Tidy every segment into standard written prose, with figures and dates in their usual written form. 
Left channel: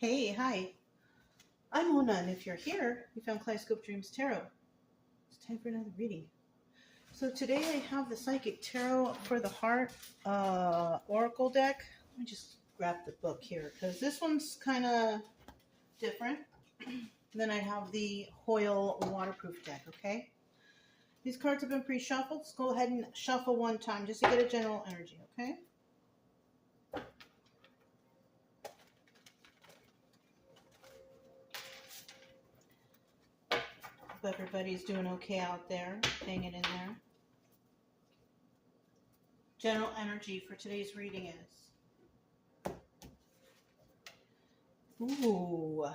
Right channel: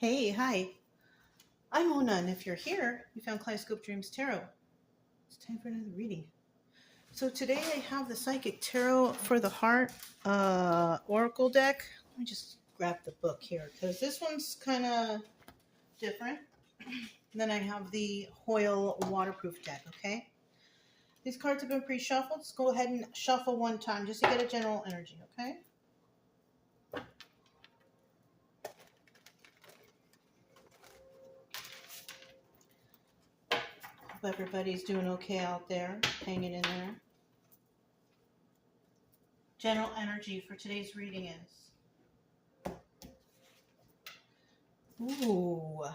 Hey, hi. I'm Mona, and if you're here, you found Kaleidoscope Dreams Tarot. It's time for another reading. So today I have the Psychic Tarot for the Heart Oracle deck. Let me just grab the book here because this one's kind of different. Then I have the Hoyle waterproof deck, okay? These cards have been pre-shuffled. Let's go ahead and shuffle one time just to get a general energy, okay? Hope everybody's doing okay out there, hanging in there. General energy for today's reading is... Ooh,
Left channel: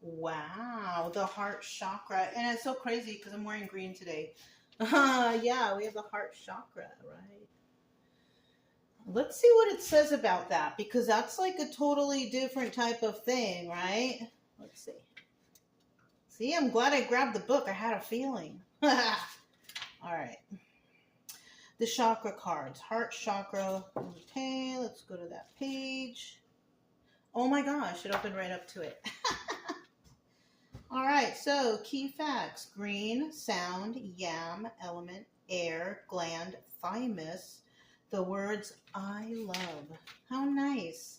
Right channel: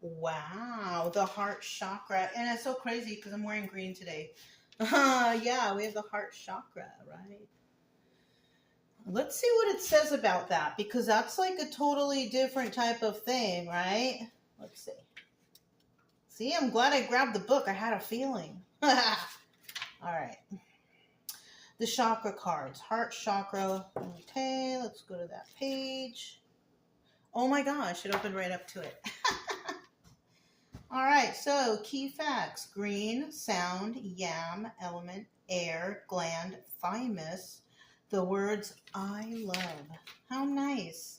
wow, the heart chakra. And it's so crazy because I'm wearing green today. Yeah, we have the heart chakra, right? Let's see what it says about that because that's like a totally different type of thing, right? Let's see. See, I'm glad I grabbed the book. I had a feeling. All right. The chakra cards. Heart chakra. Okay, let's go to that page. Oh my gosh, it opened right up to it. All right, so key facts. Green, sound, yam, element, air, gland, thymus. The words I love. How nice.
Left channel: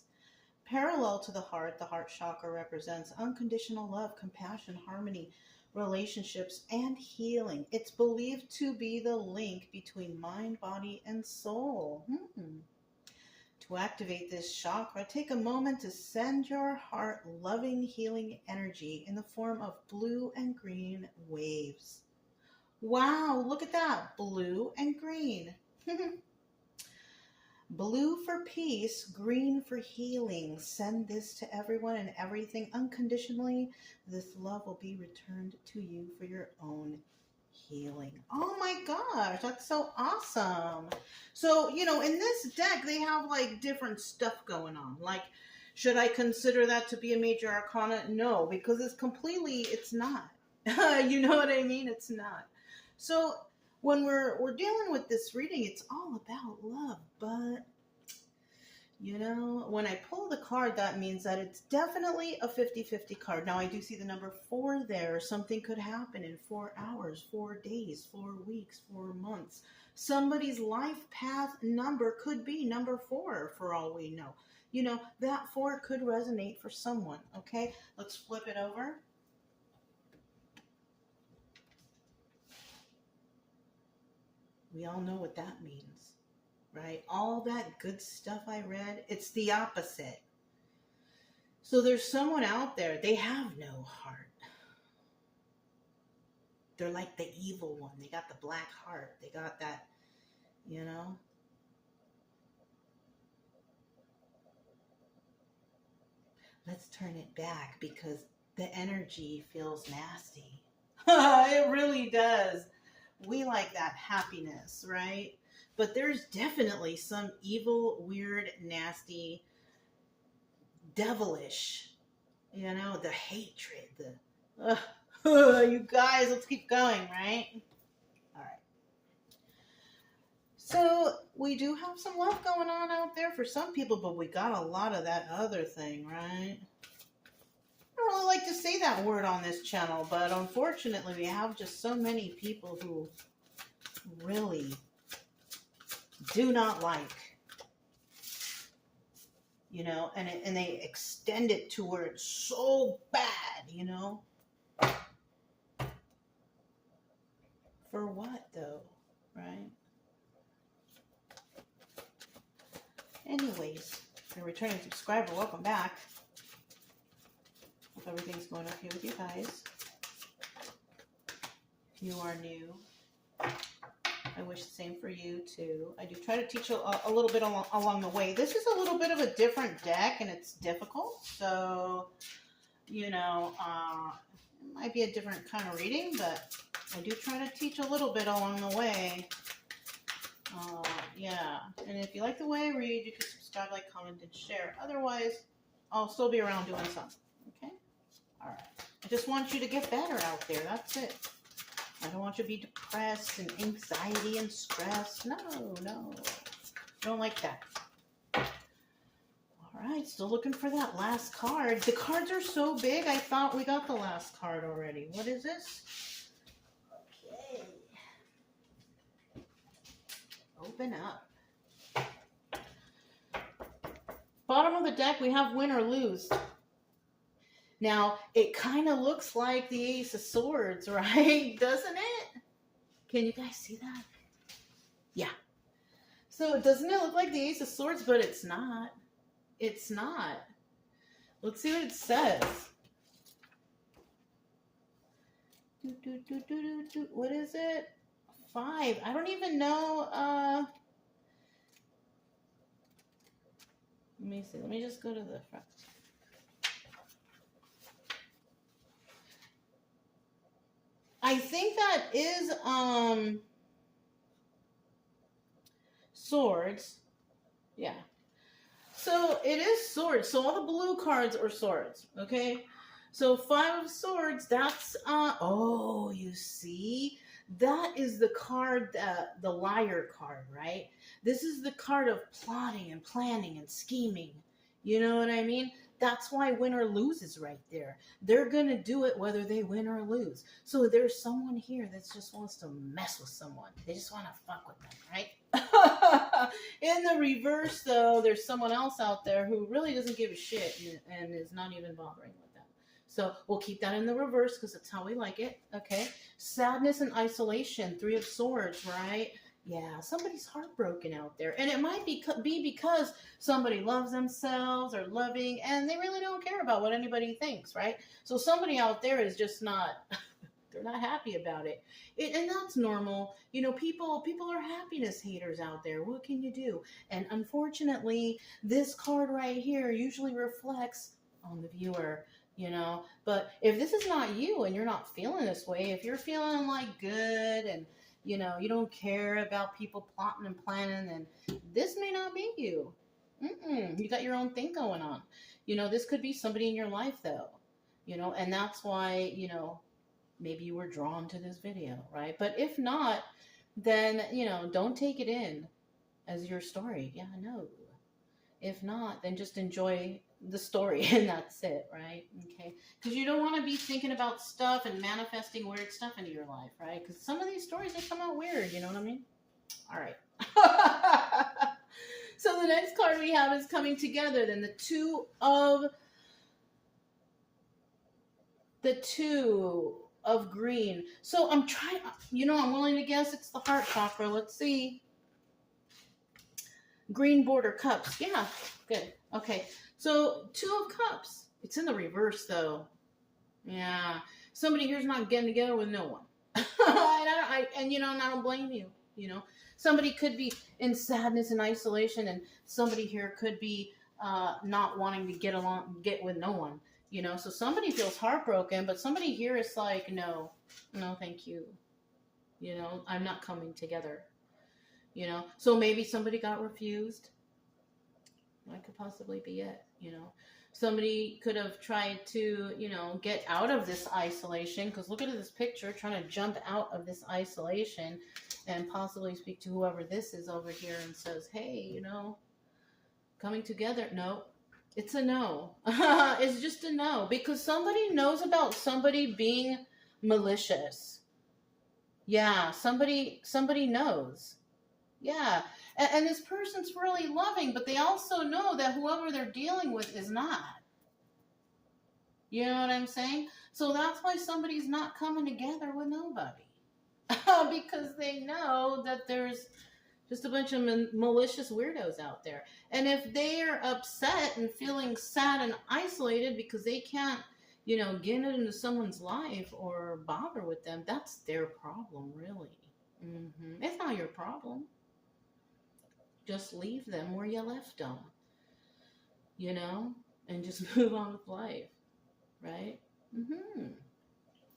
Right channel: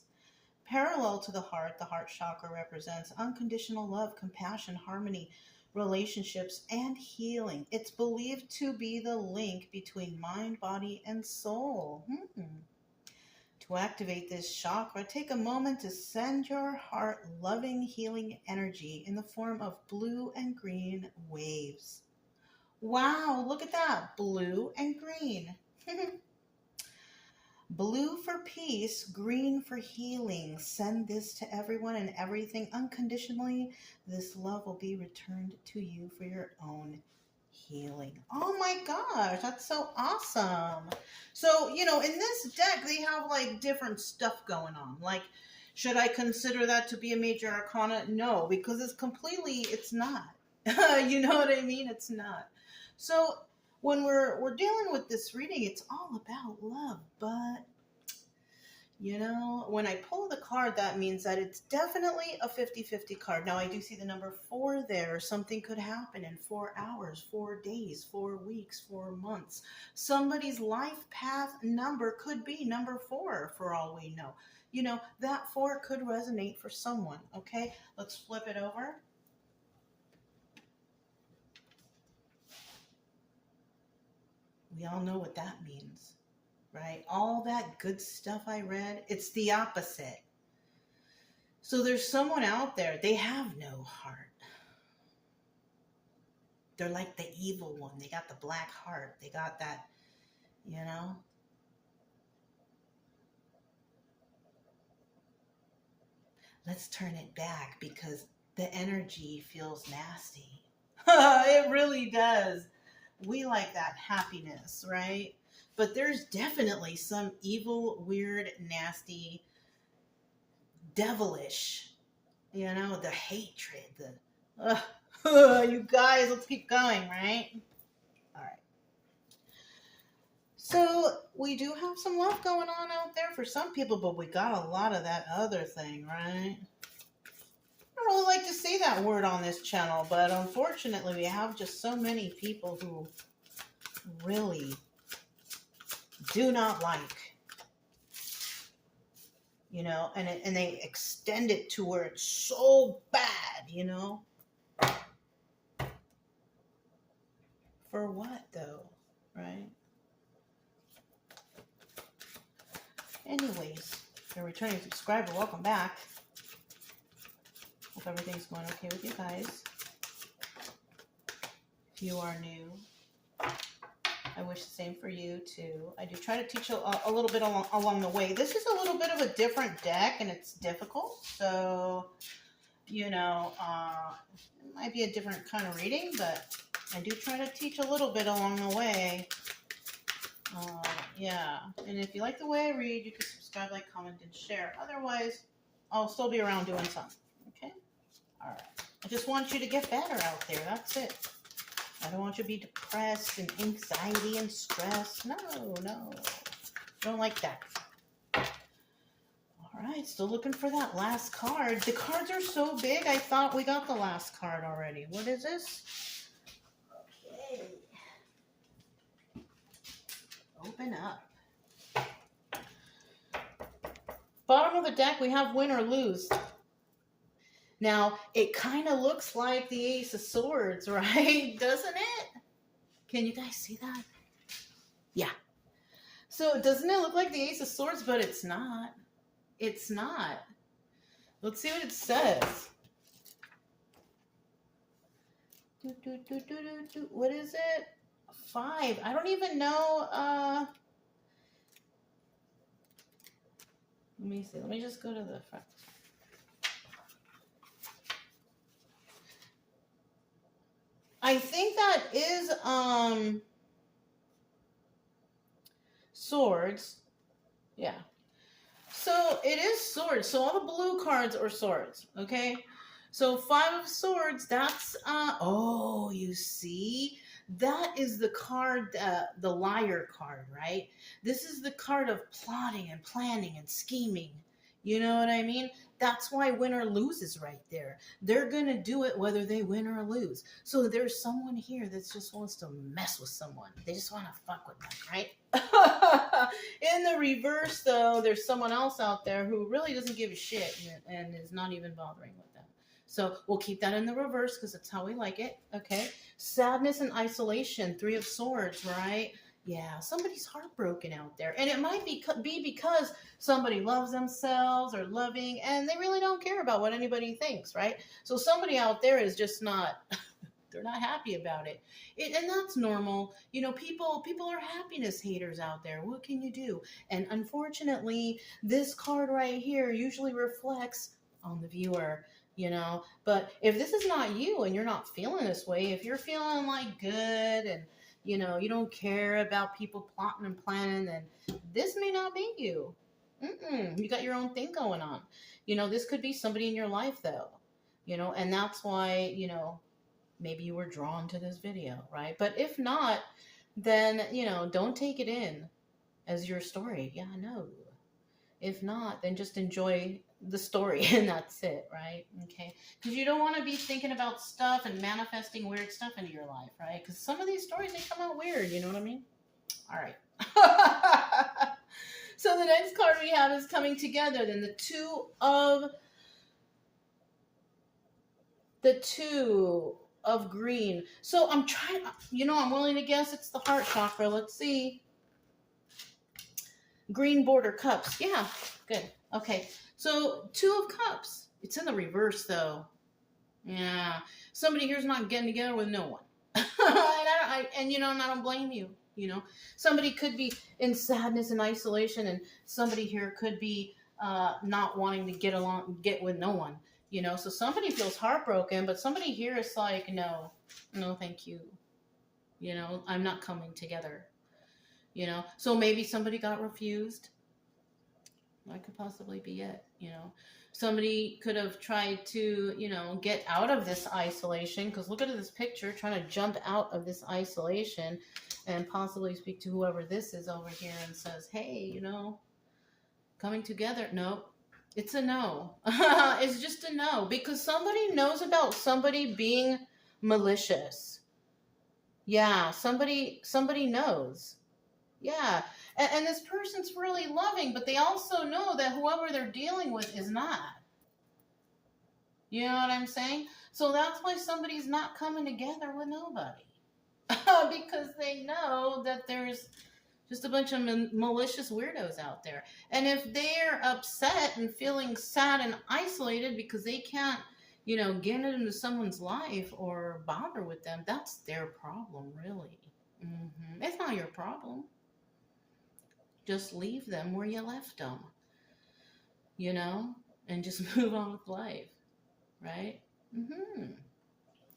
Parallel to the heart chakra represents unconditional love, compassion, harmony, relationships, and healing. It's believed to be the link between mind, body, and soul. To activate this chakra, take a moment to send your heart loving, healing energy in the form of blue and green waves. Wow, look at that. Blue and green. Blue for peace, green for healing. Send this to everyone and everything unconditionally. This love will be returned to you for your own healing. Oh my gosh, that's so awesome. So, you know, in this deck, they have like different stuff going on. Like, should I consider that to be a major arcana? No, because it's not. You know what I mean? It's not. So, when we're dealing with this reading, it's all about love. But, you know, when I pull the card, that means that it's definitely a 50-50 card. Now, I do see the number 4 there. Something could happen in 4 hours, 4 days, 4 weeks, 4 months. Somebody's life path number could be number 4 for all we know. You know, that 4 could resonate for someone, okay? Let's flip it over. We all know what that means, right? All that good stuff I read, it's the opposite. So there's someone out there, they have no heart. They're like the evil one. They got the black heart. They got that, you know. Let's turn it back because the energy feels nasty. It really does. We like that happiness, right? But there's definitely some evil, weird, nasty, devilish, you know, the hatred, the, you guys, let's keep going, right? All right. So we do have some love going on out there for some people, but we got a lot of that other thing, right? I don't really like to say that word on this channel, but unfortunately we have just so many people who really do not like, you know, and they extend it to where it's so bad, you know. For what though, right? Anyways, if you're a returning subscriber, welcome back. Hope everything's going okay with you guys. If you are new, I wish the same for you too. I do try to teach a little bit along the way. This is a little bit of a different deck and it's difficult. So, you know, it might be a different kind of reading, but I do try to teach a little bit along the way. Yeah, and if you like the way I read, you can subscribe, like, comment, and share. Otherwise, I'll still be around doing something, okay? All right. I just want you to get better out there. That's it. I don't want you to be depressed and anxiety and stress. No, no. I don't like that. All right, still looking for that last card. The cards are so big, I thought we got the last card already. What is this? Okay. Open up. Bottom of the deck, we have win or lose. Now, it kind of looks like the Ace of Swords, right? Doesn't it? Can you guys see that? Yeah. So, doesn't it look like the Ace of Swords? But it's not. It's not. Let's see what it says. What is it? 5. I don't even know. Let me see. Let me just go to the front. I think that is swords. Yeah. So it is swords. So all the blue cards are swords. Okay. So 5 of swords. That's oh, you see, that is the card, the liar card, right? This is the card of plotting and planning and scheming. You know what I mean? That's why win or lose is right there. They're going to do it whether they win or lose. So there's someone here that just wants to mess with someone. They just want to fuck with them, right? In the reverse, though, there's someone else out there who really doesn't give a shit and is not even bothering with them. So we'll keep that in the reverse because that's how we like it, okay? Sadness and isolation, 3 of swords, right? Yeah, somebody's heartbroken out there. And it might be because somebody loves themselves or loving, and they really don't care about what anybody thinks, right? So somebody out there is just not, they're not happy about it. And that's normal. You know, people are happiness haters out there. What can you do? And unfortunately, this card right here usually reflects on the viewer. You know, but if this is not you and you're not feeling this way, if you're feeling like good and, you know, you don't care about people plotting and planning, then this may not be you. You got your own thing going on. You know, this could be somebody in your life, though. You know, and that's why, you know, maybe you were drawn to this video, right? But if not, then, you know, don't take it in as your story. Yeah, no. If not, then just enjoy the story and that's it, right? Okay, because you don't want to be thinking about stuff and manifesting weird stuff into your life, right? Because some of these stories, they come out weird, you know what I mean? All right. So the next card we have is coming together. Then the two of green. So I'm trying, you know, I'm willing to guess it's the heart chakra. Let's see. Green border cups. Yeah, good. Okay. So 2 of cups. It's in the reverse though. Yeah. Somebody here's not getting together with no one. And you know, and I don't blame you. You know, somebody could be in sadness and isolation, and somebody here could be not wanting to get with no one. You know, so somebody feels heartbroken, but somebody here is like, no, thank you. You know, I'm not coming together. You know, so maybe somebody got refused. That could possibly be it, you know. Somebody could have tried to, you know, get out of this isolation, because look at this picture, trying to jump out of this isolation and possibly speak to whoever this is over here and says, hey, you know, coming together. No, it's a no. It's just a no, because somebody knows about somebody being malicious. Yeah, somebody knows. Yeah, and this person's really loving, but they also know that whoever they're dealing with is not. You know what I'm saying? So that's why somebody's not coming together with nobody. Because they know that there's just a bunch of malicious weirdos out there. And if they're upset and feeling sad and isolated because they can't, you know, get into someone's life or bother with them, that's their problem, really. It's not your problem. Just leave them where you left them, you know, and just move on with life, right?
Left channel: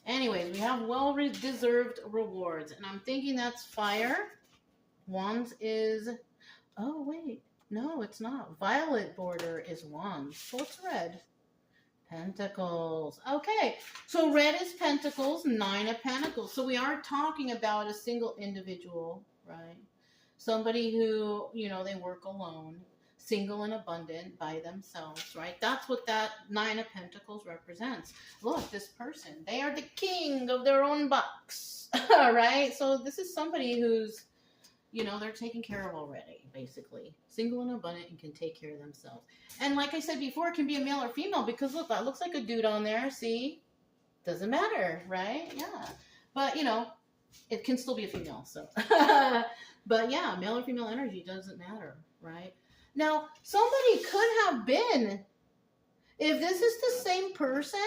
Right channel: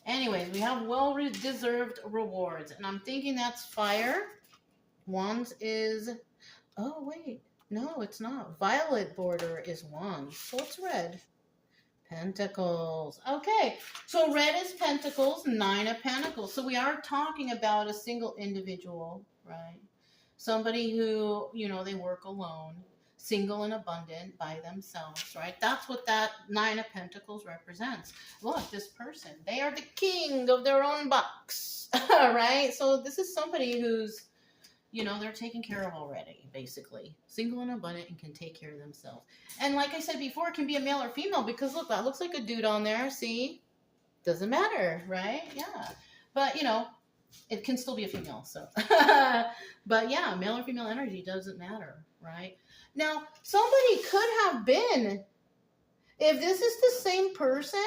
Anyways, we have well-deserved rewards, and I'm thinking that's fire. Wands is, oh, wait, no, it's not. Violet border is wands, so it's red. Pentacles. Okay, so red is pentacles, 9 of pentacles. So we are talking about a single individual, right? Somebody who, you know, they work alone. single and abundant by themselves, right? That's what that Nine of Pentacles represents. Look, this person, they are the king of their own box, right? So this is somebody who's, you know, they're taken care of already, basically. Single and abundant and can take care of themselves. And like I said before, it can be a male or female because look, that looks like a dude on there. See? Doesn't matter, right? Yeah. But, you know, it can still be a female, so. But yeah, male or female energy doesn't matter, right? Now, somebody could have been, if this is the same person,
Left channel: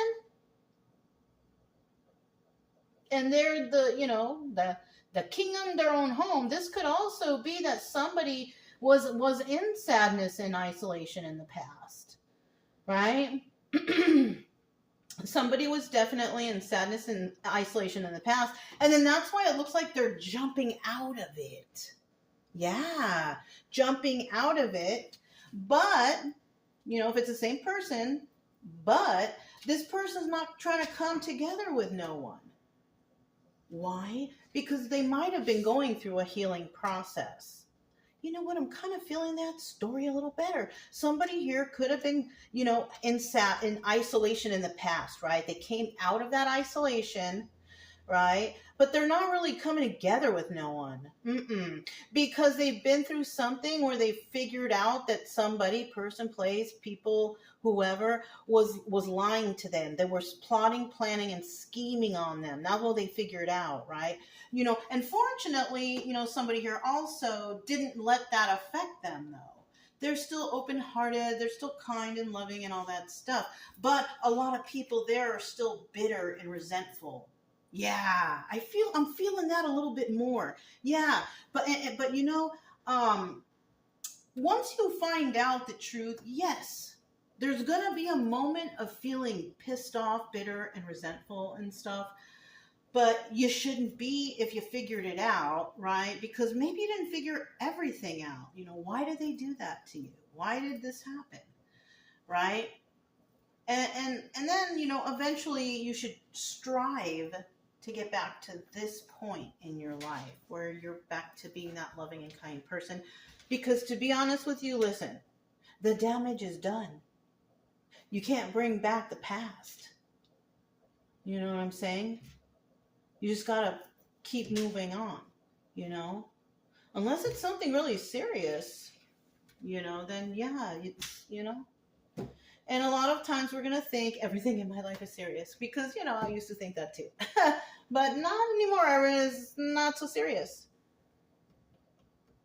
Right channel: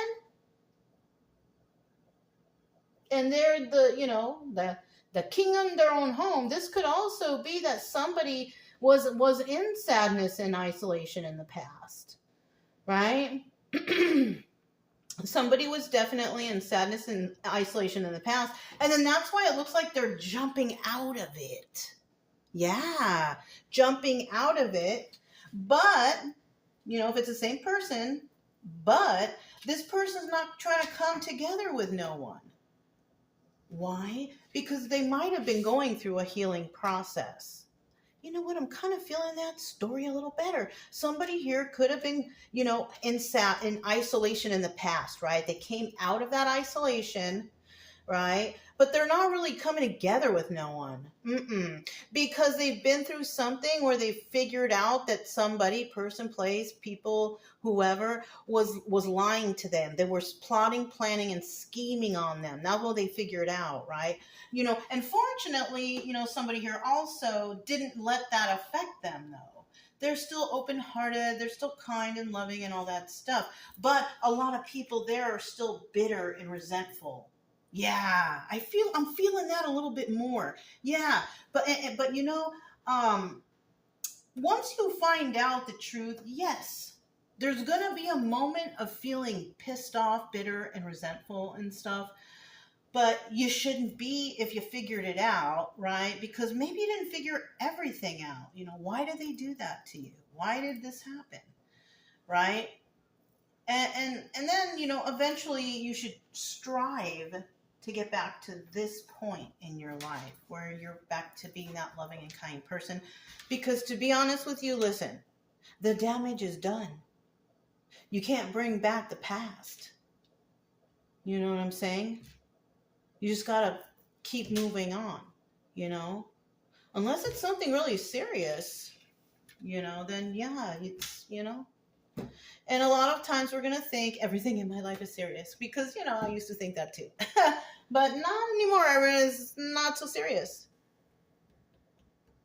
and they're the, you know, the king of their own home, this could also be that somebody was in sadness and isolation in the past, right? Somebody was definitely in sadness and isolation in the past. And then that's why it looks like they're jumping out of it. Yeah, jumping out of it. But, you know, if it's the same person, but this person's not trying to come together with no one. Why? Because they might have been going through a healing process. You know what? I'm kind of feeling that story a little better. Somebody here could have been, you know, in isolation in the past, right? They came out of that isolation, right? But they're not really coming together with no one. Because they've been through something where they figured out that somebody, person, place, people, whoever, was lying to them. They were plotting, planning, and scheming on them. That's what they figured out, right? You know, and fortunately, you know, somebody here also didn't let that affect them, though. They're still open-hearted, they're still kind and loving and all that stuff. But a lot of people there are still bitter and resentful. Yeah, I'm feeling that a little bit more. Yeah, but you know, once you find out the truth, yes, there's going to be a moment of feeling pissed off, bitter, and resentful and stuff. But you shouldn't be if you figured it out, right? Because maybe you didn't figure everything out. You know, why did they do that to you? Why did this happen? Right? And then, you know, eventually you should strive to get back to this point in your life where you're back to being that loving and kind person. Because to be honest with you, listen, the damage is done. You can't bring back the past. You know what I'm saying? You just got to keep moving on, you know? Unless it's something really serious, you know, then yeah, it's, you know. And a lot of times we're going to think everything in my life is serious because, you know, I used to think that too. But not anymore. It's not so serious,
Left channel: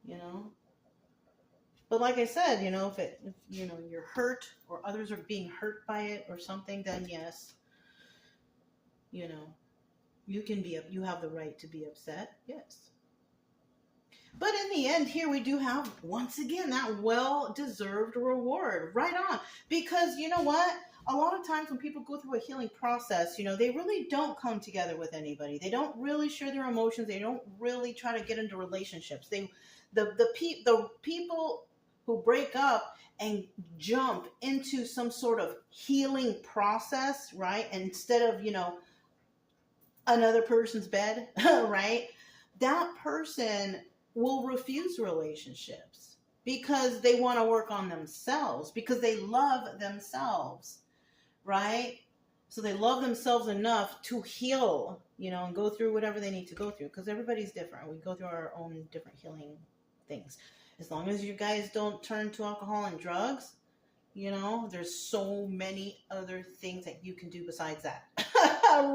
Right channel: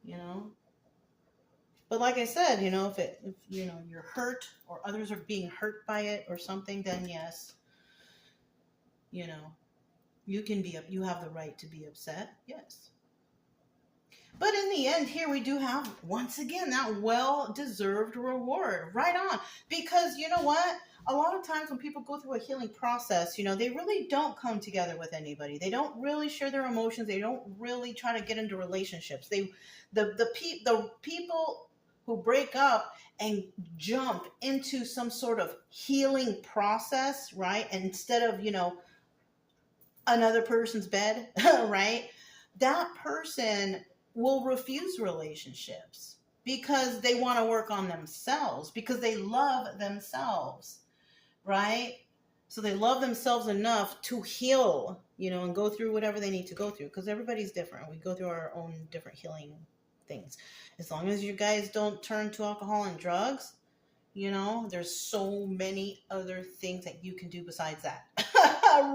you know. But like I said, you know, if you know, you're hurt or others are being hurt by it or something, then yes, you know. You have the right to be upset, yes. But in the end here, we do have, once again, that well-deserved reward. Right on. Because you know what? A lot of times when people go through a healing process, you know, they really don't come together with anybody. They don't really share their emotions. They don't really try to get into relationships. The people who break up and jump into some sort of healing process, right? And instead of, you know, another person's bed, right? That person will refuse relationships because they want to work on themselves, because they love themselves, right? So they love themselves enough to heal, you know, and go through whatever they need to go through, because everybody's different. We go through our own different healing things. As long as you guys don't turn to alcohol and drugs, you know, there's so many other things that you can do besides that.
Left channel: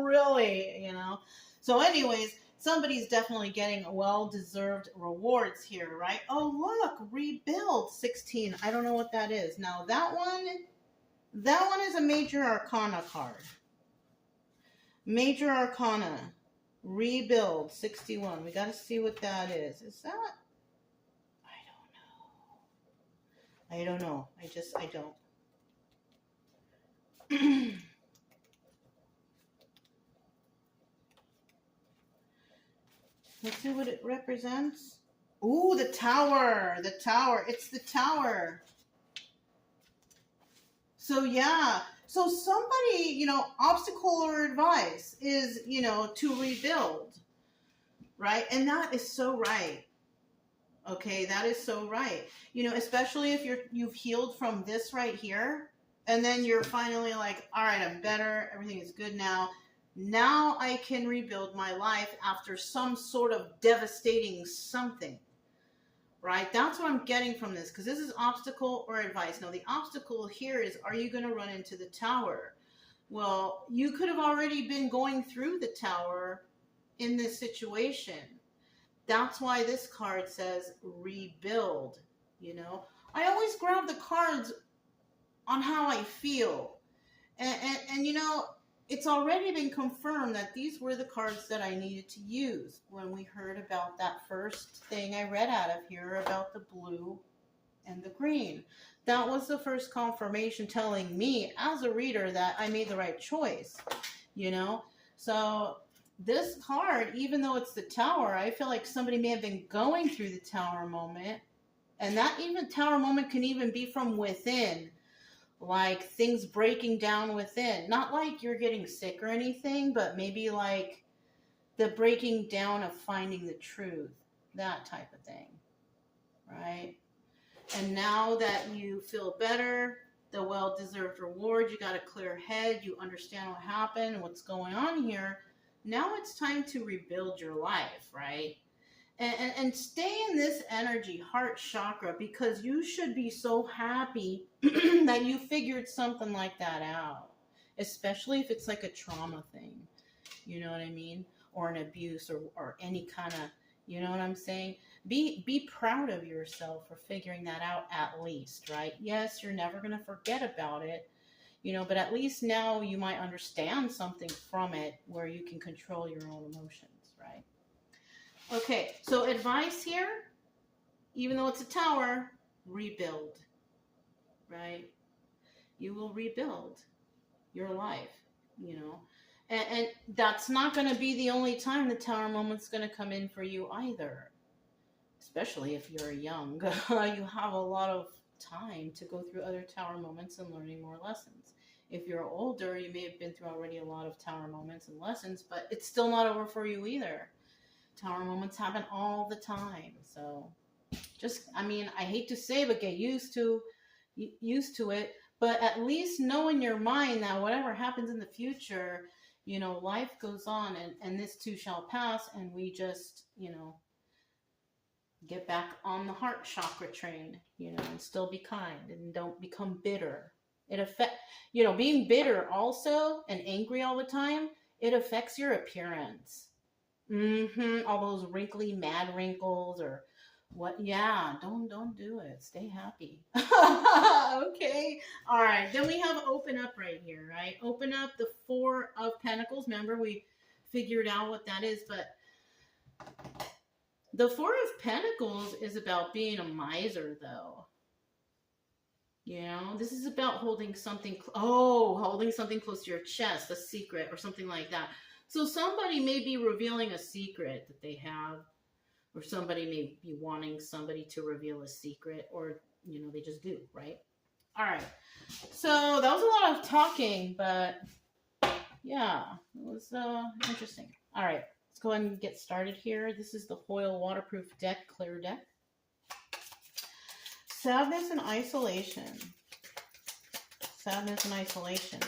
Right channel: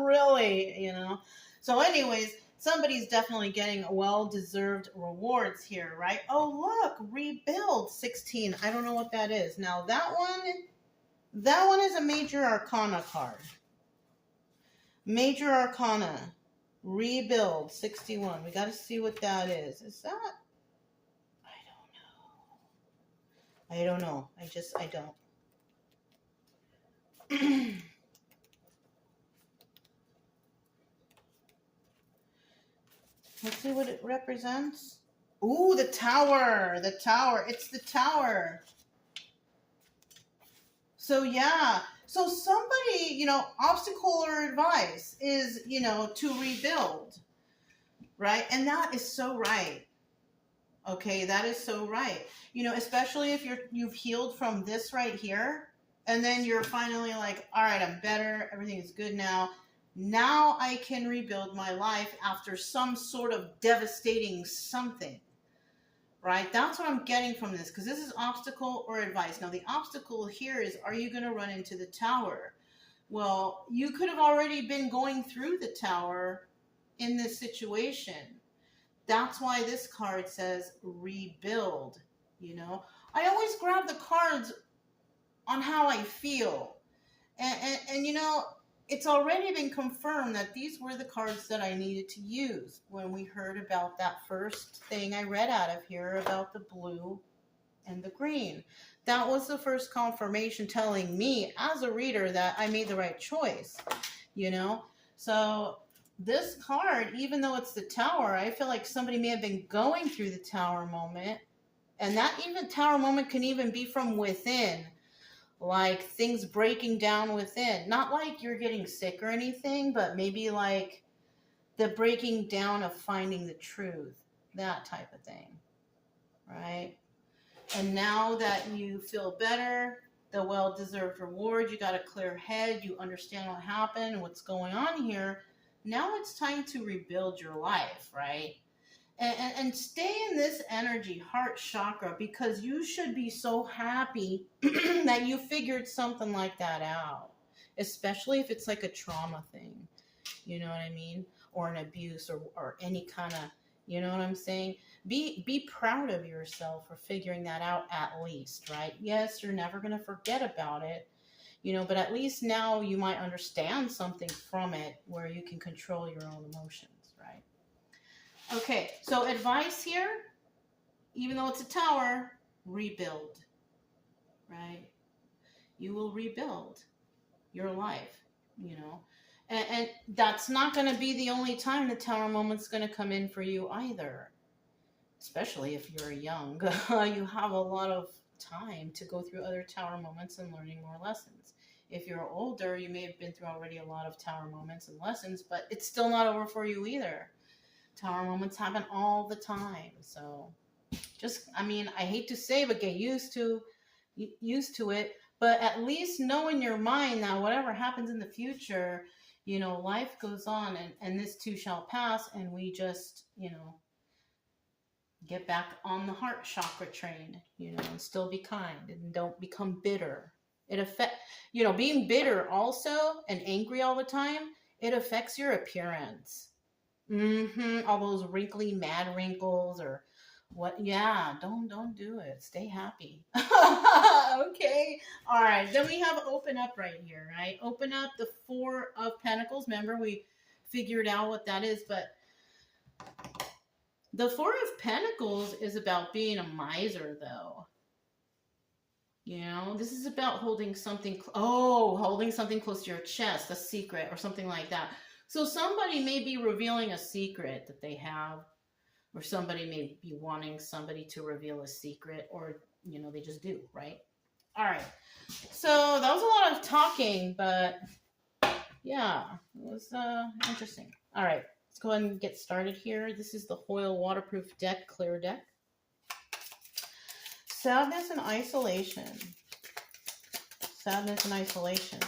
Really, you know. So anyways, somebody's definitely getting well-deserved rewards here, right? Oh, look, rebuild 16. I don't know what that is. Now, that one is a major arcana card. Major arcana. Rebuild 61. We got to see what that is. Is that? I don't know. I don't. Let's see what it represents. Ooh, the tower. The tower. It's the tower. So, yeah. So, somebody, you know, obstacle or advice is, you know, to rebuild. Right? And that is so right. Okay, that is so right. You know, especially if you've healed from this right here, and then you're finally like, all right, I'm better, everything is good now. Now I can rebuild my life after some sort of devastating something, right? That's what I'm getting from this, because this is obstacle or advice. Now, the obstacle here is, are you going to run into the tower? Well, you could have already been going through the tower in this situation. That's why this card says rebuild, you know. I always grab the cards on how I feel. And you know, it's already been confirmed that these were the cards that I needed to use when we heard about that first thing I read out of here about the blue and the green. That was the first confirmation telling me as a reader that I made the right choice, you know. So this card, even though it's the tower, I feel like somebody may have been going through the tower moment, and that even tower moment can even be from within, like things breaking down within. Not like you're getting sick or anything, but maybe like the breaking down of finding the truth, that type of thing, right? And now that you feel better, the well-deserved reward, you got a clear head, you understand what happened, what's going on here. Now it's time to rebuild your life, right? And stay in this energy, heart chakra, because you should be so happy that you figured something like that out, especially if it's like a trauma thing, you know what I mean? Or an abuse or any kind of, you know what I'm saying? Be proud of yourself for figuring that out at least, right? Yes, you're never going to forget about it, you know, but at least now you might understand something from it where you can control your own emotions, right? Okay, so advice here, even though it's a tower, rebuild, right? You will rebuild your life, you know. And that's not going to be the only time the tower moment's going to come in for you either. Especially if you're young. You have a lot of time to go through other tower moments and learning more lessons. If you're older, you may have been through already a lot of tower moments and lessons, but it's still not over for you either. Tower moments happen all the time. So just, I mean, I hate to say, but get used to it. But at least know in your mind that whatever happens in the future, you know, life goes on, and this too shall pass, and we just, you know, get back on the heart chakra train, you know, and still be kind and don't become bitter. You know, being bitter also and angry all the time, it affects your appearance. All those wrinkly mad wrinkles or what? Yeah, don't do it. Stay happy. Okay. All right. Then we have open up right here, right? Open up the Four of Pentacles. Remember, we figured out what that is, but the Four of Pentacles is about being a miser, though. You know, this is about holding something, holding something close to your chest, a secret or something like that. So somebody may be revealing a secret that they have, or somebody may be wanting somebody to reveal a secret, or, you know, they just do, right? All right. So that was a lot of talking, but yeah, it was interesting. All right. Let's go ahead and get started here. This is the Hoyle Waterproof Deck, Clear Deck. Sadness and isolation. Sadness and isolation.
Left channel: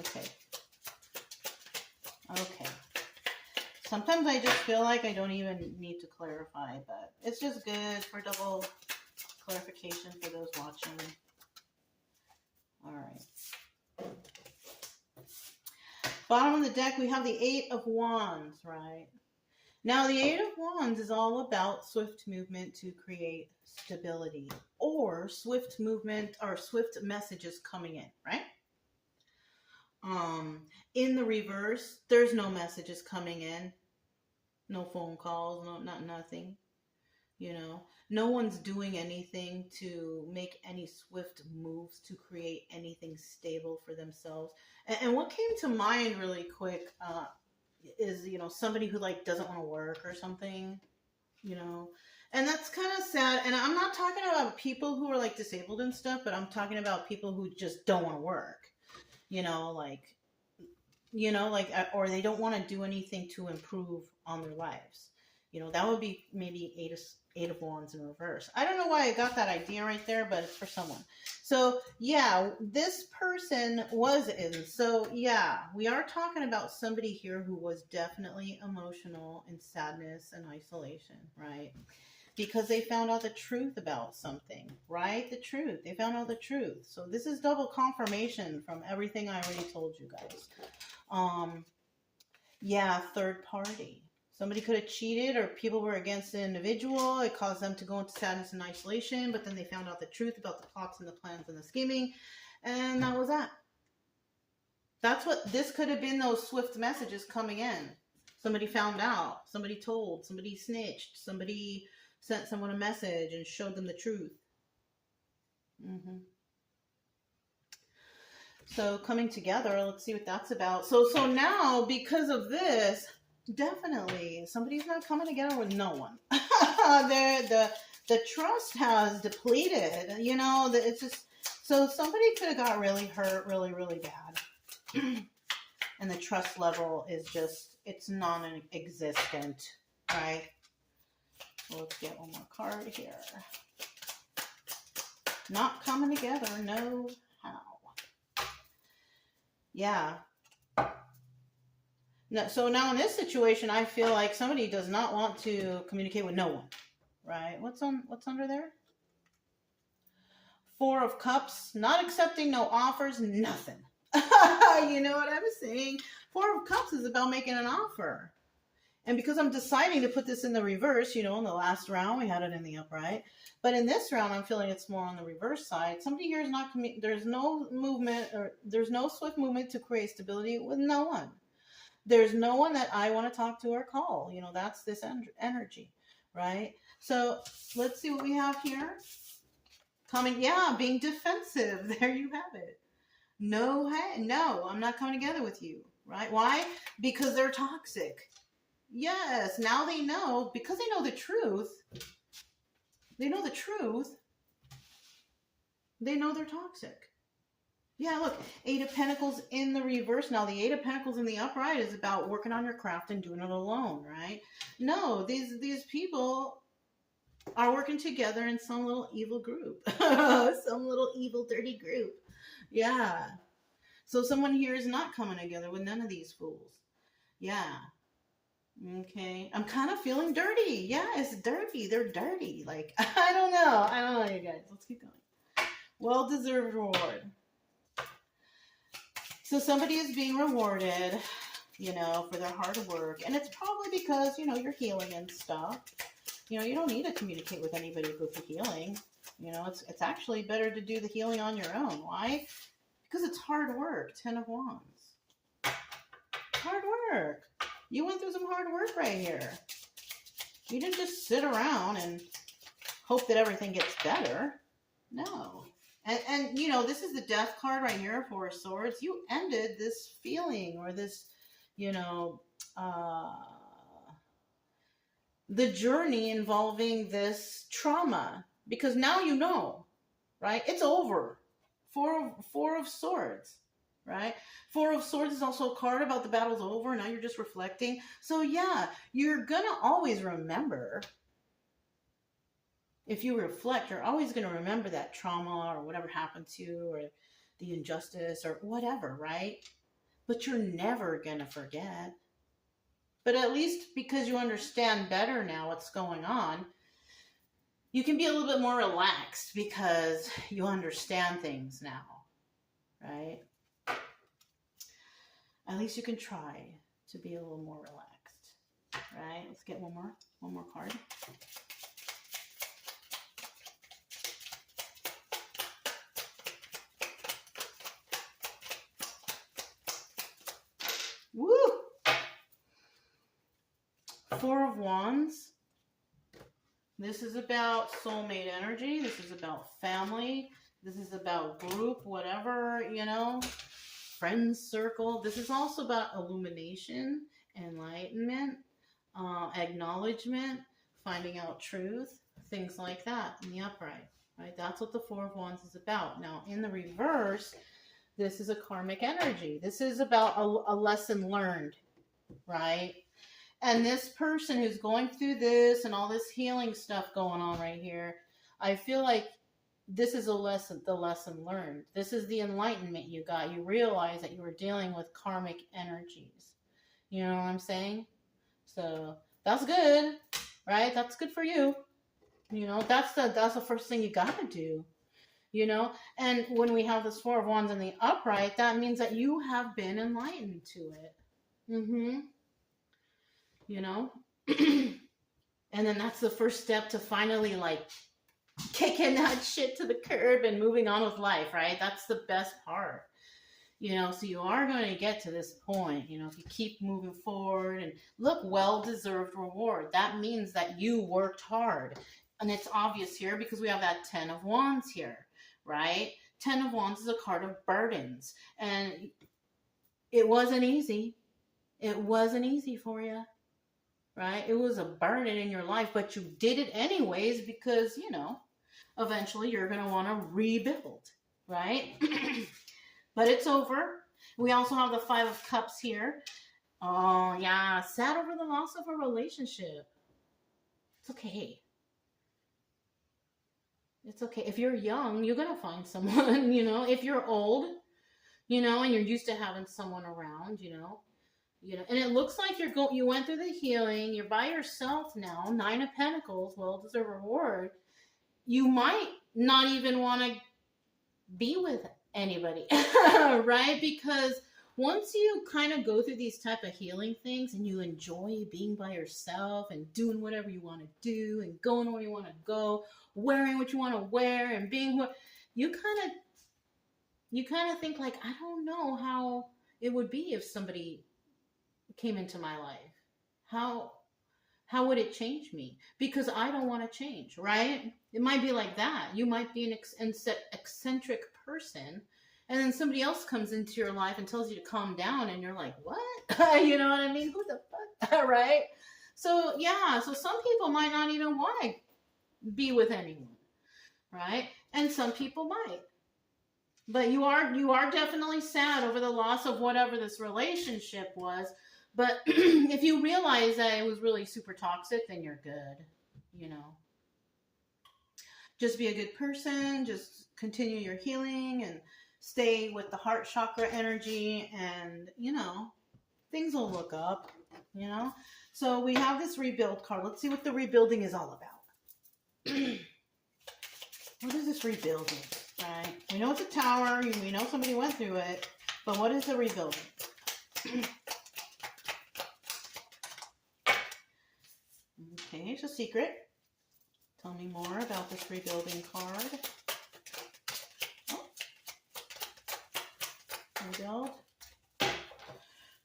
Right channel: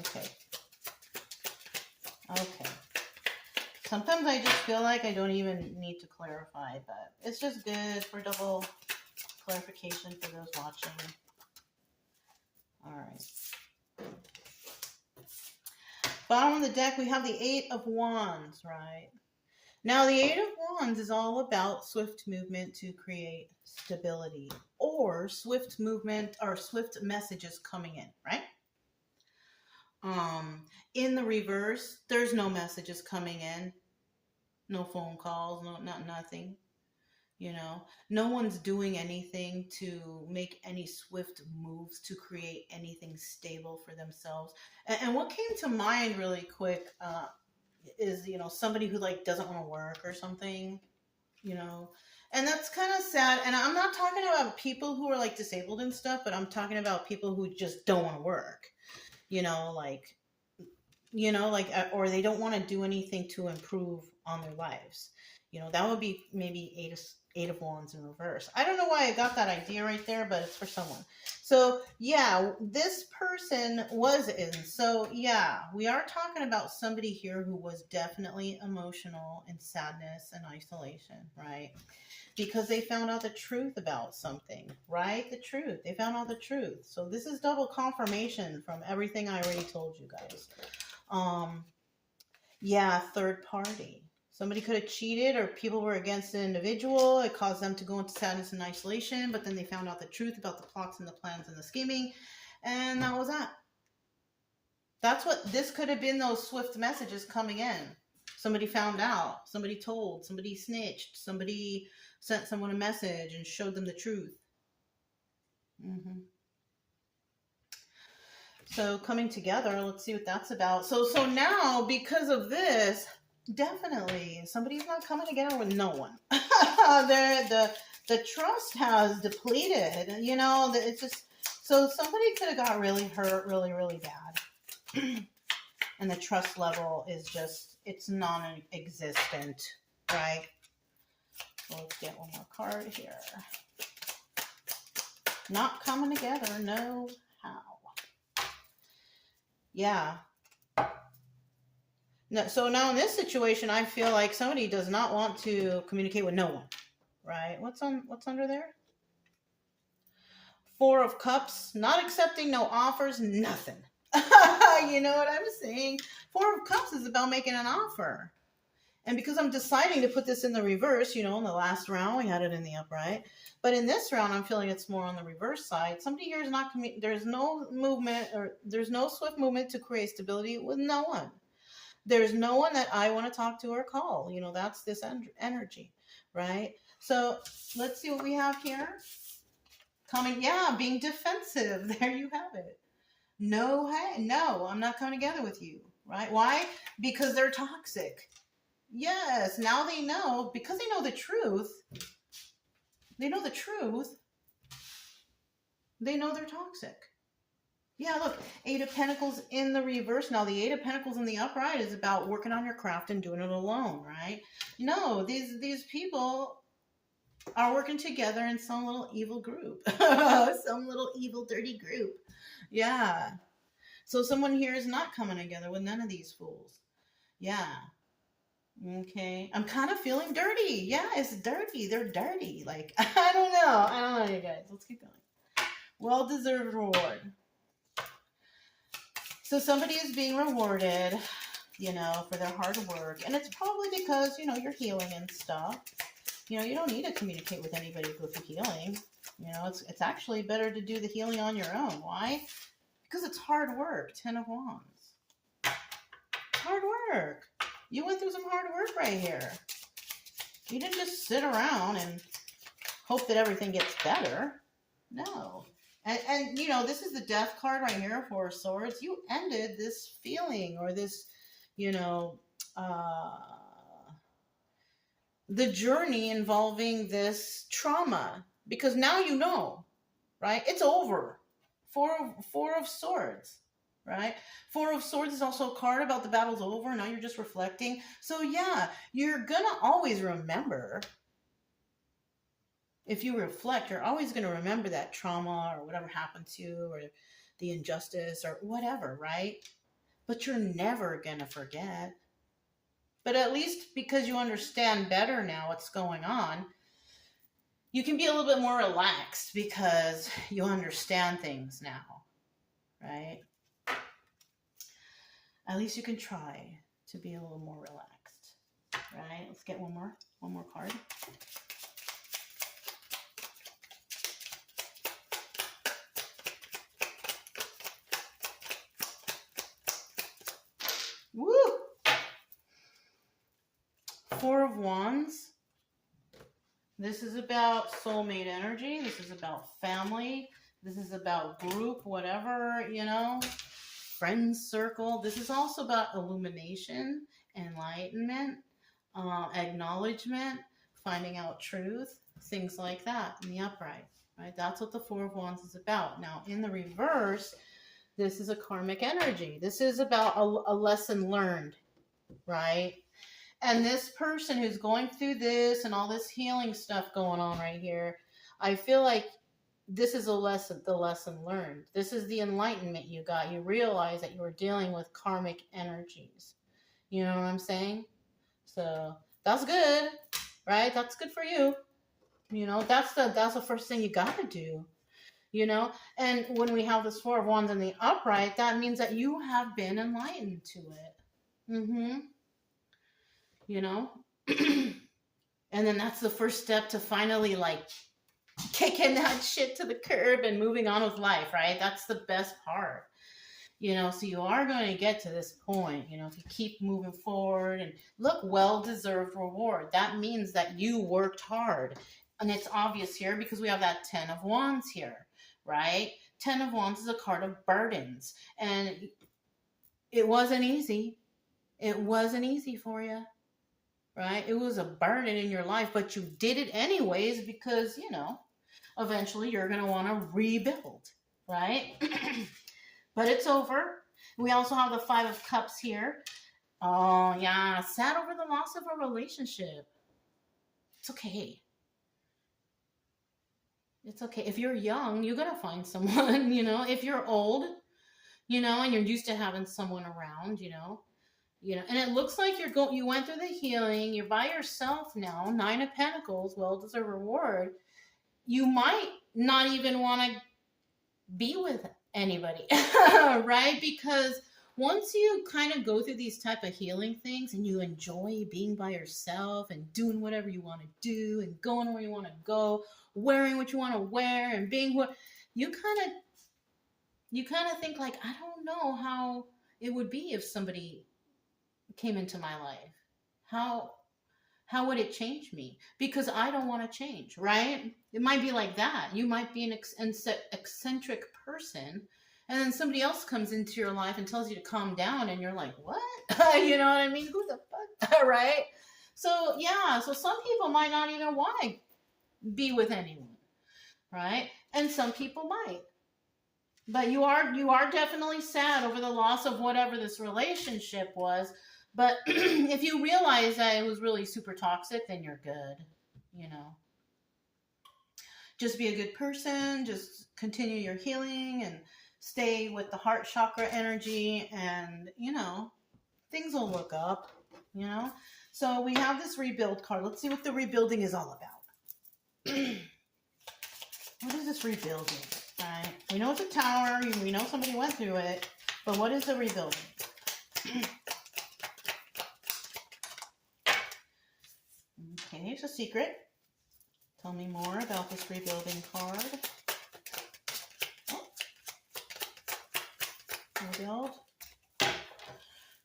Okay. Okay. Sometimes I just feel like I don't even need to clarify, but it's just good for double clarification for those watching. All right. Bottom of the deck, we have the Eight of Wands, right? Now, the Eight of Wands is all about swift movement to create stability, or swift movement or swift messages coming in, right? In the reverse, there's no messages coming in, no phone calls, nothing. You know, no one's doing anything to make any swift moves to create anything stable for themselves. And what came to mind really quick is, you know, somebody who like doesn't want to work or something, you know, and that's kind of sad. And I'm not talking about people who are like disabled and stuff, but I'm talking about people who just don't want to work, you know, like, or they don't want to do anything to improve on their lives. You know, that would be maybe eight of wands in reverse. I don't know why I got that idea right there, but it's for someone. So yeah, this person was in. So yeah, we are talking about somebody here who was definitely emotional and sadness and isolation, right? Because they found out the truth about something, right? The truth. They found out the truth. So this is double confirmation from everything I already told you guys. Yeah, third party. Somebody could have cheated, or people were against the individual. It caused them to go into sadness and isolation, but then they found out the truth about the plots and the plans and the scheming, and that was that. That's what this could have been, those swift messages coming in. Somebody found out, somebody told, somebody snitched, somebody sent someone a message and showed them the truth. So coming together, let's see what that's about. So now, because of this, definitely somebody's not coming together with no one. the trust has depleted. You know, it's just, so somebody could have got really hurt, really, really bad. And the trust level is just, it's non-existent, right? So let's get one more card here. Not coming together, no how. Yeah. No, so now in this situation, I feel like somebody does not want to communicate with no one, right? What's under there? Four of Cups, not accepting no offers, nothing. You know what I'm saying? Four of Cups is about making an offer. And because I'm deciding to put this in the reverse, you know, in the last round, we had it in the upright. But in this round, I'm feeling it's more on the reverse side. Somebody here is not, there's no movement, or there's no swift movement to create stability with no one. There's no one that I want to talk to or call. You know, that's this energy, right? So let's see what we have here. Coming, yeah, being defensive. There you have it. No, hey, no, I'm not coming together with you, right? Why? Because they're toxic. Yes, now they know, because they know the truth. They know the truth. They know they're toxic. Yeah, look, Eight of Pentacles in the reverse. Now, the Eight of Pentacles in the upright is about working on your craft and doing it alone, right? No, these people are working together in some little evil group. Some little evil, dirty group. Yeah. So someone here is not coming together with none of these fools. Yeah. Okay. I'm kind of feeling dirty. Yeah, it's dirty. They're dirty. Like, I don't know, you guys. Let's keep going. Well-deserved reward. So somebody is being rewarded, you know, for their hard work. And it's probably because, you know, you're healing and stuff. You know, you don't need to communicate with anybody with the healing. You know, it's actually better to do the healing on your own. Why? Because it's hard work. 10 of Wands. It's hard work. You went through some hard work right here. You didn't just sit around and hope that everything gets better. No. And you know, this is the Death card right here, Four of Swords. You ended this feeling, or this, you know, the journey involving this trauma. Because now you know, right? It's over. Four of Swords, right? Four of Swords is also a card about the battle's over. Now you're just reflecting. So yeah, you're going to always remember. If you reflect, you're always going to remember that trauma or whatever happened to you, or the injustice or whatever, right? But you're never going to forget. But at least because you understand better now what's going on, you can be a little bit more relaxed because you understand things now, right? At least you can try to be a little more relaxed, right? Let's get one more card. Woo! Four of Wands. This is about soulmate energy. This is about family. This is about group, whatever, you know, friends circle. This is also about illumination, enlightenment, acknowledgement, finding out truth, things like that in the upright, right? That's what the Four of Wands is about. Now, in the reverse, this is a karmic energy. This is about a lesson learned, right? And this person who's going through this and all this healing stuff going on right here, I feel like this is the lesson learned. This is the enlightenment you got. You realize that you were dealing with karmic energies. You know what I'm saying? So that's good, right? That's good for you. You know, that's the first thing you gotta do. You know, and when we have this Four of Wands in the upright, that means that you have been enlightened to it. You know, and then that's the first step to finally like kicking that shit to the curb and moving on with life, right? That's the best part. You know, so you are going to get to this point, you know, if you keep moving forward and look, well-deserved reward. That means that you worked hard. And it's obvious here because we have that 10 of Wands here, right? 10 of Wands is a card of burdens. And it wasn't easy. It wasn't easy for you, right? It was a burden in your life, but you did it anyways because, you know, eventually you're going to want to rebuild, right? But it's over. We also have the Five of Cups here. Oh, yeah. Sad over the loss of a relationship. It's okay. It's okay. If you're young, you're going to find someone, you know. If you're old, you know, and you're used to having someone around, you know. And it looks like you went through the healing. You're by yourself now. 9 of Pentacles, well-deserved reward. You might not even want to be with anybody, right? Because once you kind of go through these type of healing things and you enjoy being by yourself and doing whatever you want to do and going where you want to go, wearing what you want to wear and being what you kind of think like, I don't know how it would be if somebody came into my life. How would it change me? Because I don't want to change, right? It might be like that. You might be an eccentric person, and then somebody else comes into your life and tells you to calm down, and you're like, what? You know what I mean? Who the fuck? Right? So, yeah. So some people might not even want to be with anyone, right? And some people might. But you are definitely sad over the loss of whatever this relationship was. But if you realize that it was really super toxic, then you're good, you know. Just be a good person. Just continue your healing and stay with the heart chakra energy. And, you know, things will look up, you know. So we have this rebuild card. Let's see what the rebuilding is all about. What is this rebuilding? Right? We know it's a tower. We know somebody went through it. But what is the rebuilding? Okay, it's a secret. Tell me more about this rebuilding card. Oh. Rebuild.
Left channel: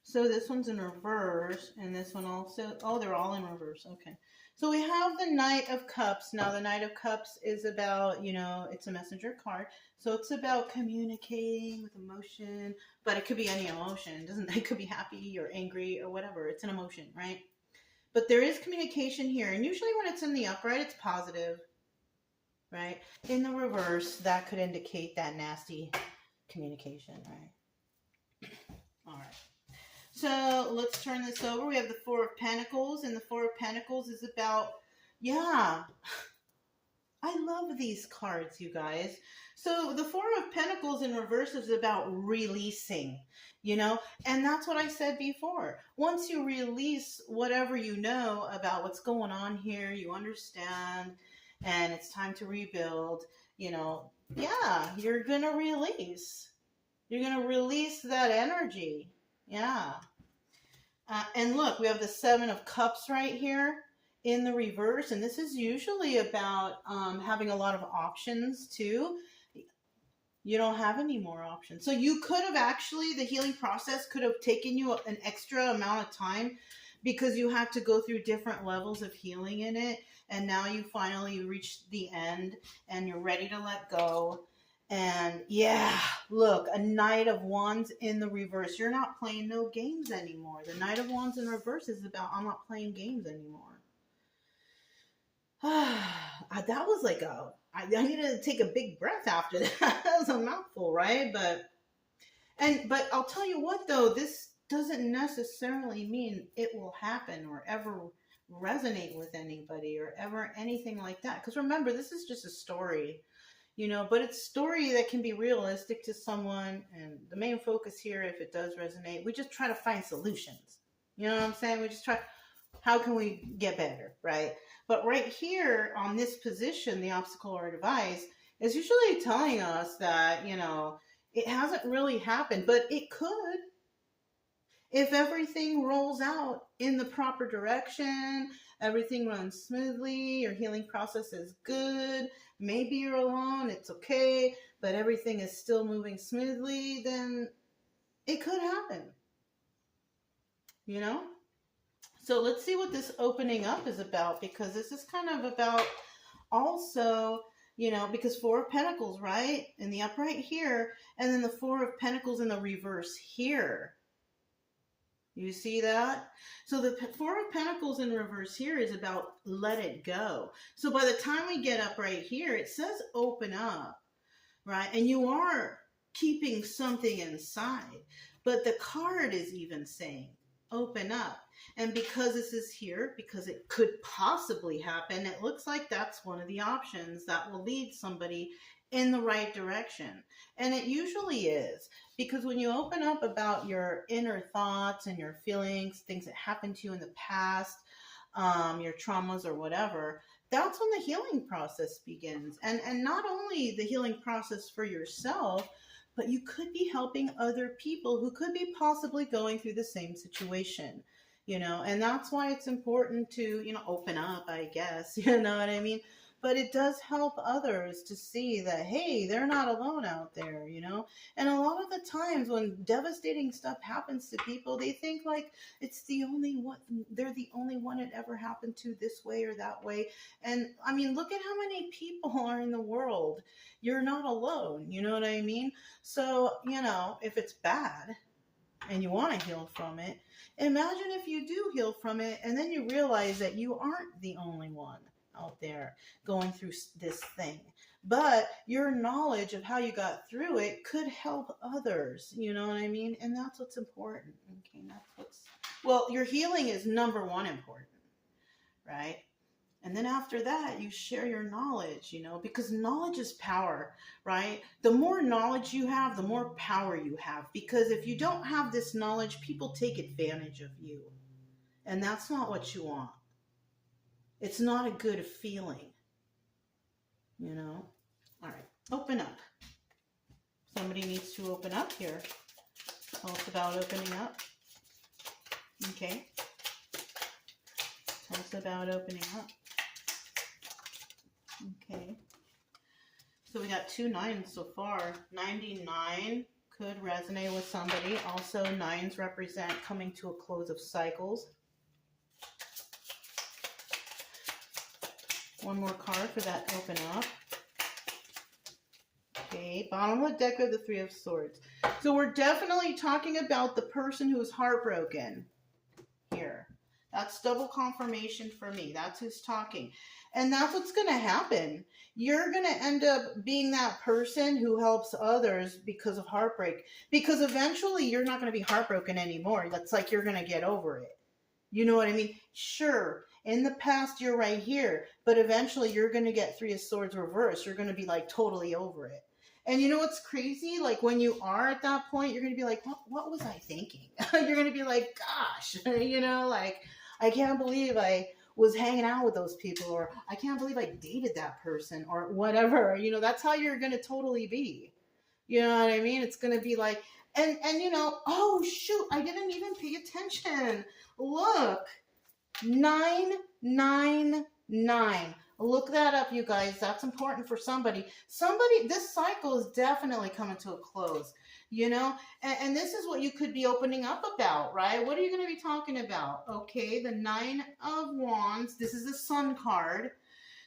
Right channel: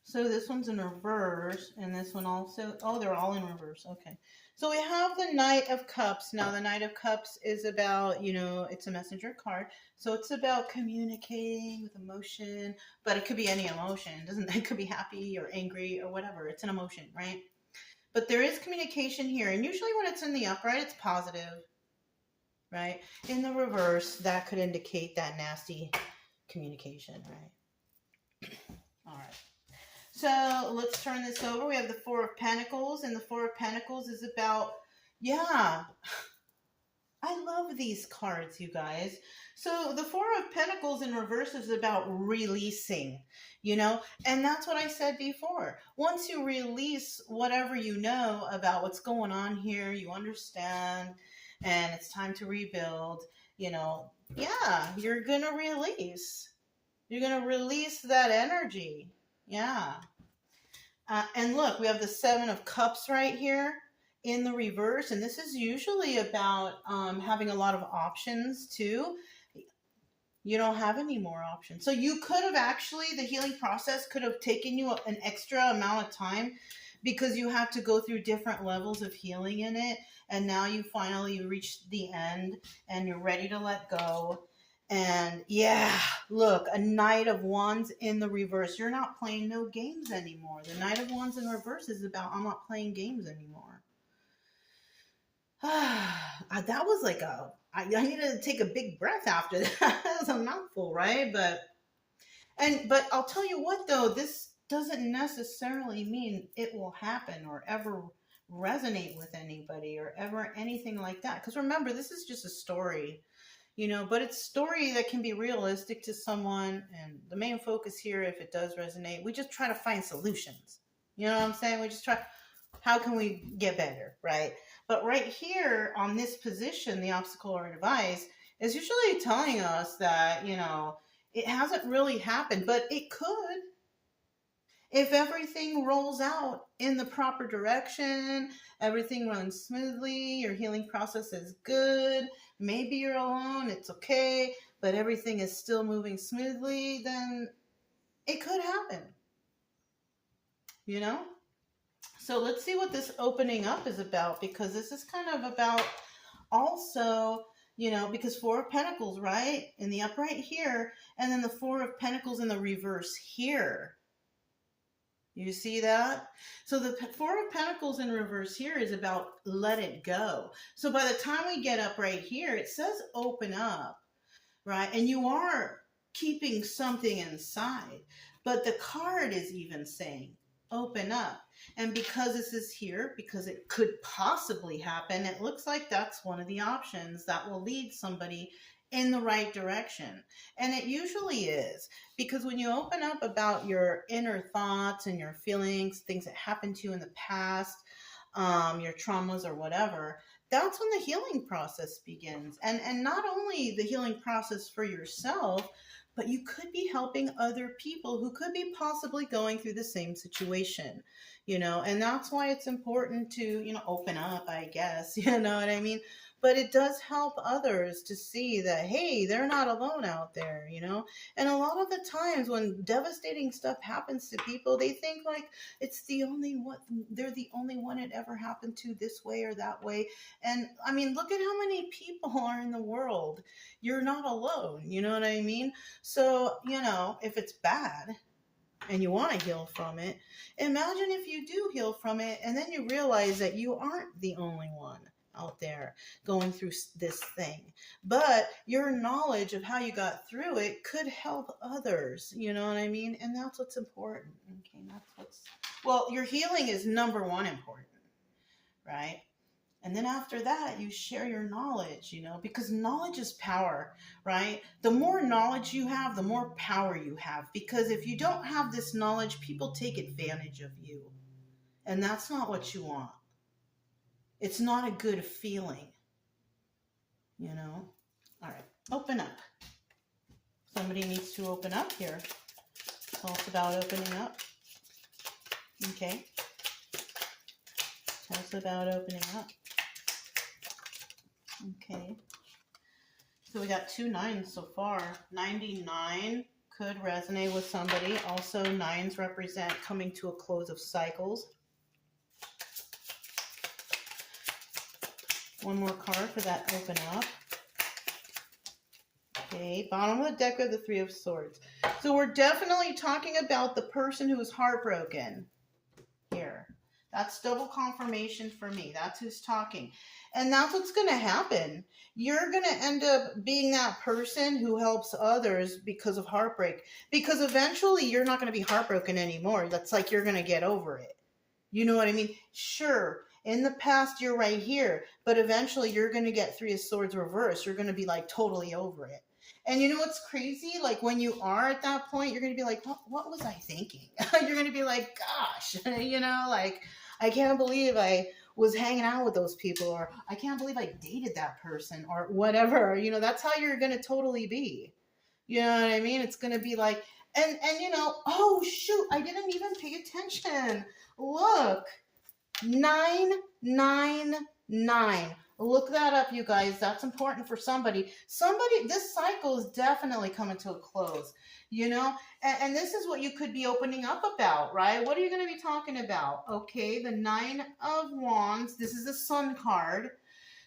So this one's in reverse, and this one also. Oh, they're all in reverse. Okay. So we have the Knight of Cups. Now, the Knight of Cups is about, you know, it's a messenger card. So it's about communicating with emotion, but it could be any emotion. It could be happy or angry or whatever. It's an emotion, right? But there is communication here. And usually when it's in the upright, it's positive, right? In the reverse, that could indicate that nasty communication, right? All right. So let's turn this over. We have the Four of Pentacles, and the Four of Pentacles is about, yeah, I love these cards, you guys. So the Four of Pentacles in reverse is about releasing, you know, and that's what I said before. Once you release whatever you know about what's going on here, you understand, and it's time to rebuild, you know, yeah, you're going to release. You're going to release that energy. Yeah. And look, we have the Seven of Cups right here in the reverse. And this is usually about having a lot of options too. You don't have any more options. So you could have actually, the healing process could have taken you an extra amount of time because you had to go through different levels of healing in it. And now you finally reached the end and you're ready to let go. And yeah, look, a Knight of Wands in the reverse. You're not playing no games anymore. The Knight of Wands in reverse is about, I'm not playing games anymore. That was like I needed to take a big breath after that. That was a mouthful, right? But I'll tell you what though, this doesn't necessarily mean it will happen or ever resonate with anybody or ever anything like that. Because remember, this is just a story, but it's a story that can be realistic to someone. And the main focus here, if it does resonate, we just try to find solutions. You know what I'm saying? We just try, how can we get better, right? But right here on this position, the obstacle or device is usually telling us that, it hasn't really happened, but it could. If everything rolls out in the proper direction, everything runs smoothly, your healing process is good, maybe you're alone, it's okay, but everything is still moving smoothly, then it could happen, you know? So let's see what this opening up is about, because this is kind of about also, because Four of Pentacles, right? In the upright here, and then the Four of Pentacles in the reverse here. You see that? So the Four of Pentacles in reverse here is about let it go. So by the time we get up right here, it says open up, right? And you are keeping something inside. But the card is even saying open up. And because this is here, because it could possibly happen, it looks like that's one of the options that will lead somebody in the right direction. And it usually is, because when you open up about your inner thoughts and your feelings, things that happened to you in the past, your traumas or whatever, that's when the healing process begins. And not only the healing process for yourself, but you could be helping other people who could be possibly going through the same situation, and that's why it's important to, open up, I guess, you know what I mean? But it does help others to see that, hey, they're not alone out there, And a lot of the times when devastating stuff happens to people, they think like it's the only one, they're the only one it ever happened to this way or that way. And I mean, look at how many people are in the world. You're not alone, you know what I mean? So, if it's bad and you want to heal from it, imagine if you do heal from it and then you realize that you aren't the only one out there going through this thing, but your knowledge of how you got through it could help others, you know what I mean? And that's what's important. Okay, your healing is number one important, right? And then after that, you share your knowledge, because knowledge is power, right? The more knowledge you have, the more power you have, because if you don't have this knowledge, people take advantage of you, and that's not what you want. It's not a good feeling, All right, open up. Somebody needs to open up here. Tell us about opening up. Okay. Tell us about opening up. Okay. So we got 2 9s so far. 99 could resonate with somebody. Also, 9s represent coming to a close of cycles. One more card for that open up. Okay, bottom of the deck are the 3 of Swords. So we're definitely talking about the person who is heartbroken here. That's double confirmation for me. That's who's talking. And that's what's going to happen. You're going to end up being that person who helps others because of heartbreak. Because eventually you're not going to be heartbroken anymore. That's like you're going to get over it. You know what I mean? Sure, in the past you're right here, but eventually you're going to get 3 of Swords reversed. You're going to be like totally over it. And you know what's crazy? Like when you are at that point, you're going to be like, what was I thinking? You're going to be like, gosh, like I can't believe I was hanging out with those people, or I can't believe I dated that person, or whatever. That's how you're going to totally be. You know what I mean? It's going to be like, and oh shoot, I didn't even pay attention. Look, 999. Look that up, you guys. That's important for somebody. This cycle is definitely coming to a close, and this is what you could be opening up about, right? What are you going to be talking about? Okay, the 9 of Wands. This is a Sun card.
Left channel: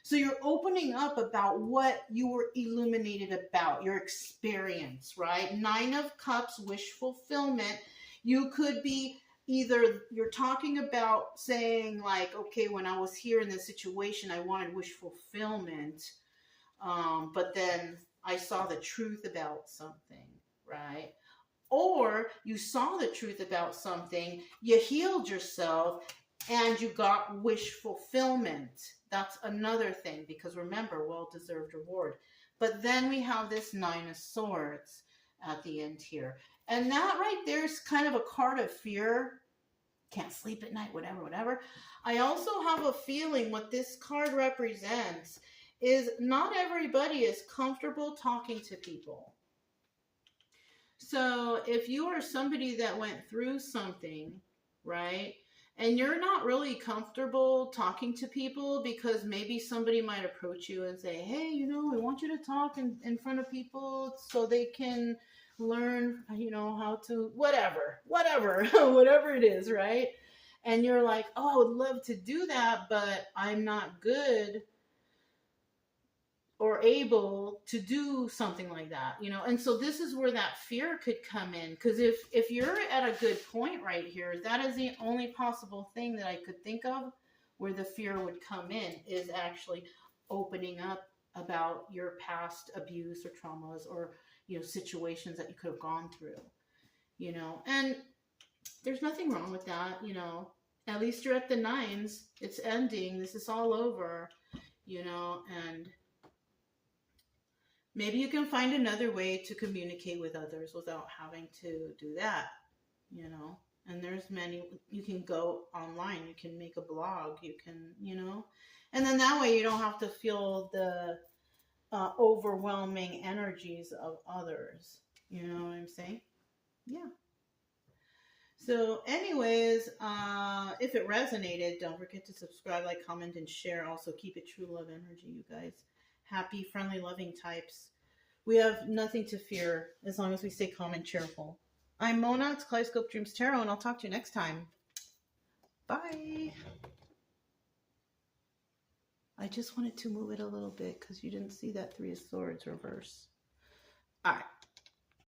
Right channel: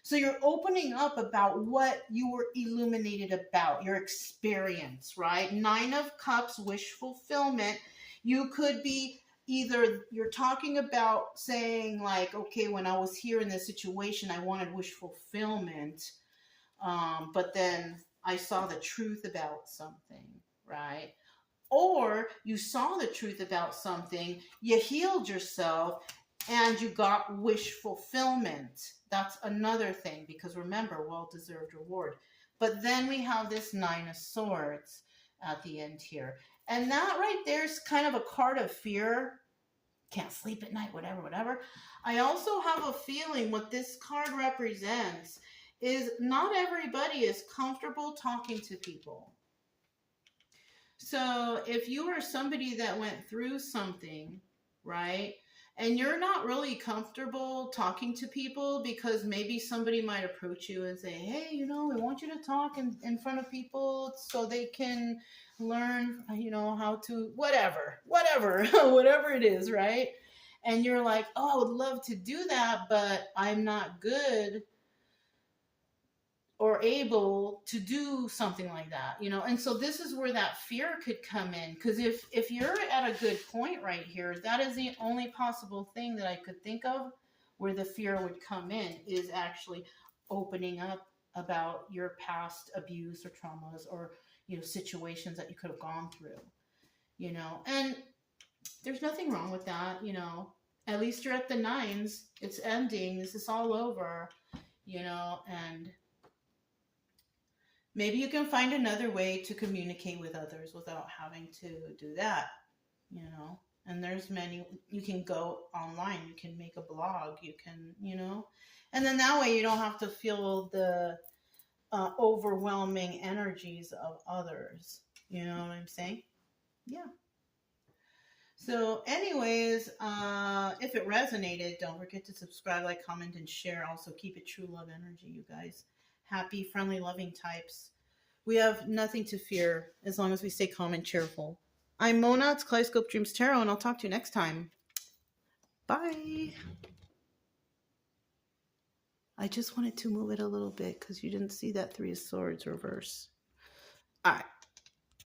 So you're opening up about what you were illuminated about, your experience, right? 9 of Cups, wish fulfillment. You could be either you're talking about saying like, okay, when I was here in this situation, I wanted wish fulfillment, but then I saw the truth about something, right? Or you saw the truth about something, you healed yourself, and you got wish fulfillment. That's another thing, because remember, well-deserved reward. But then we have this Nine of Swords at the end here. And that right there is kind of a card of fear. Can't sleep at night, whatever, whatever. I also have a feeling what this card represents is not everybody is comfortable talking to people. So if you are somebody that went through something, right, and you're not really comfortable talking to people because maybe somebody might approach you and say, hey, you know, I want you to talk in front of people so they can learn, you know, how to, whatever, whatever it is, right? And you're like, oh, I would love to do that, but I'm not good or able to do something like that, you know. And so this is where that fear could come in, because if you're at a good point right here, that is the only possible thing that I could think of where the fear would come in, is actually opening up about your past abuse or traumas, or, you know, situations that you could have gone through, you know. And there's nothing wrong with that, you know. At least you're at the nines, it's ending, this is all over, you know. And maybe you can find another way to communicate with others without having to do that, you know. And there's many, you can go online, you can make a blog, you can, you know. And then that way you don't have to feel the overwhelming energies of others. You know what I'm saying? Yeah. So anyways, if it resonated, don't forget to subscribe, like, comment, and share. Also, keep it true love energy, you guys. Happy, friendly, loving types. We have nothing to fear as long as we stay calm and cheerful. I'm Mona, it's Kaleidoscope Dreams Tarot, and I'll talk to you next time. Bye. I just wanted to move it a little bit because you didn't see that Three of Swords reverse. All right.